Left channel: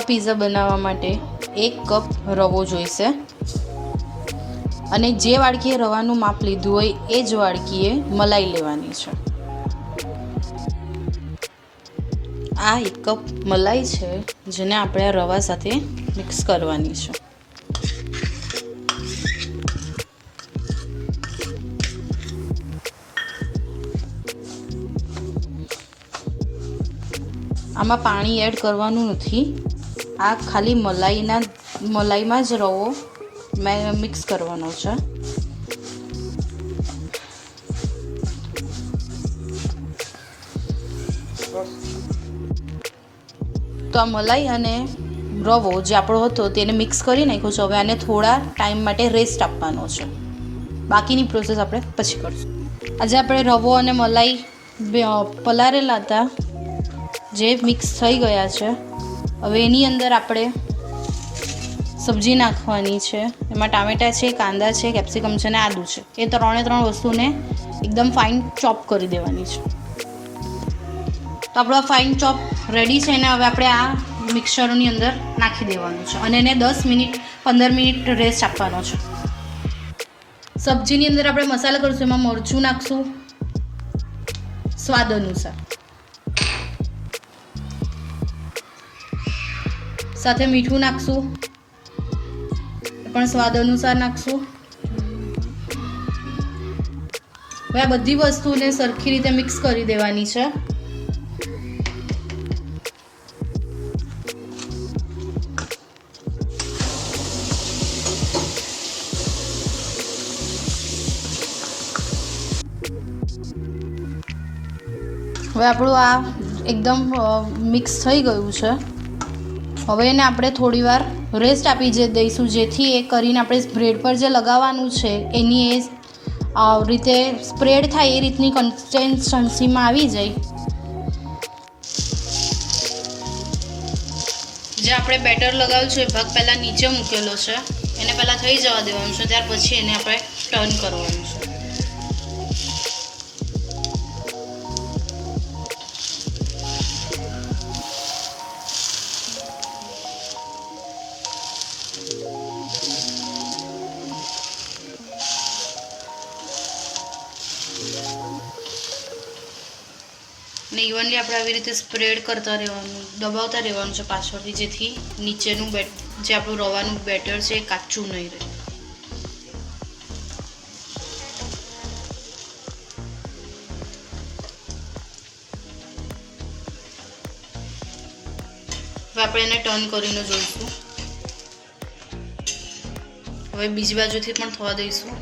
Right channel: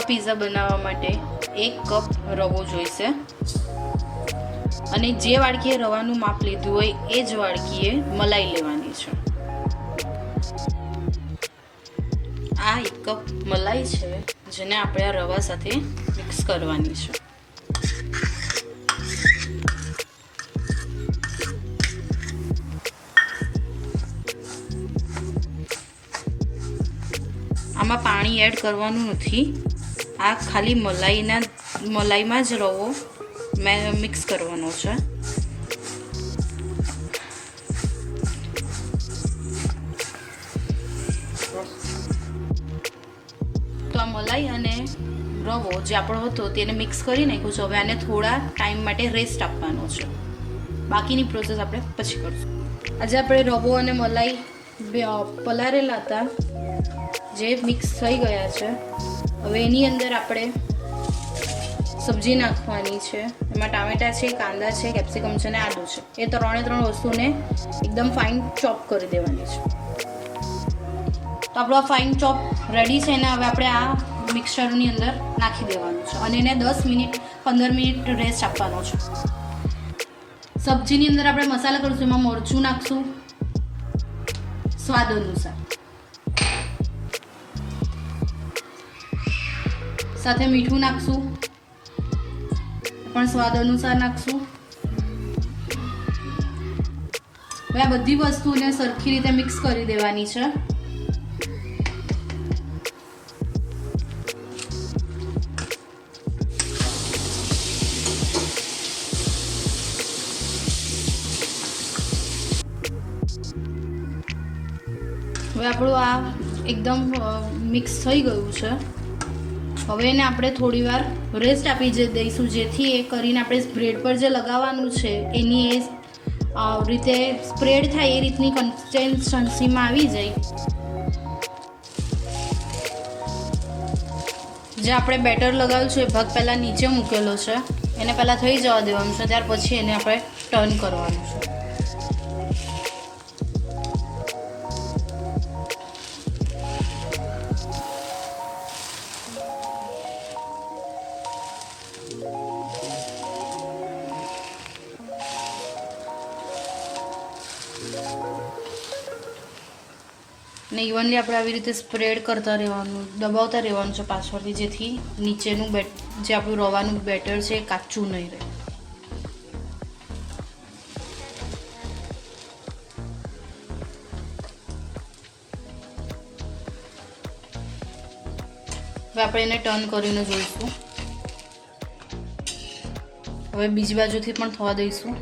रवा पीज़ा बनावा माटे 1 कप रवो जोईशे अने जे वाड़कीए रवानुं माप लीधुं होय ए ज वाड़कीए मलाई लेवानी छे। आ 1 कप मलाई छे जेने आपणे आ रवा साथे मिक्स करवानी छे। आमां पाणी एड करवानुं नथी, आ खाली मलाईमां ज रवो मिक्स करवानो छे। तो आ मलाई अने रवो जे आपणो हतो तेने मिक्स करी नाख्यो छे। हवे आने थोड़ा टाइम माटे रेस्ट आपवानो छे। बाकीनी प्रोसेस आपणे पछी करशुं। आज आपणे रवो अने मलाई पलारेला हता जे मिक्स थई गया छे। हवे एनी अंदर आपणे सब्जी नाखवानी छे। एमां टामेटा छे, कांदा छे, केप्सिकम छे ने आदू छे। ए त्रणेय त्रण वस्तुने एकदम फाइन चॉप करी देवानी छे। तो आपणो फाइन चॉप रेडी छे ने हवे आपणे आ मिक्सचरनी अंदर नाखी देवानुं छे अने एने 10 मिनिट 15 मिनिट रेस्ट आपवानो छे। सब्जीनी अंदर आपणे मसाला करशुं। एमां मरचुं नाखशुं स्वाद अनुसार, साथे मीठું નાખશું પણ સ્વાદ અનુસાર નાખશું। હવે આ બધી વસ્તુને સરખી રીતે મિક્સ કરી દેવાની છે। હવે આપણું આ એકદમ મિક્સ થઈ ગયું છે। હવે એને આપણે થોડીવાર રેસ્ટ આપી દઈશું જેથી એ કરીને આપણે બ્રેડ પર જે લગાવવાનું છે એની એ રીતે સ્પ્રેડ થાય એ રીતની કન્સિસ્ટન્સીમાં આવી જાય। જે આપણે બેટર લગાવ્યું છે એ ભાગ પહેલાં નીચે મૂકેલો છે એને પહેલાં થઈ જવા દેવાનું છે, ત્યાર પછી એને આપણે ટર્ન કરવાનું છે। ने इवनली આપણે આવી રીતે સ્પ્રેડ કરતા રહેવાનું, દબાવતા રહેવાનું છે પાછળથી જેથી નીચેનું જે આપણું રવાનું બેટર છે એ કાચું નહીં રહે। હવે આપણે એને ટર્ન કરીને જોઈશું। હવે બીજી બાજુથી પણ થવા દઈશું।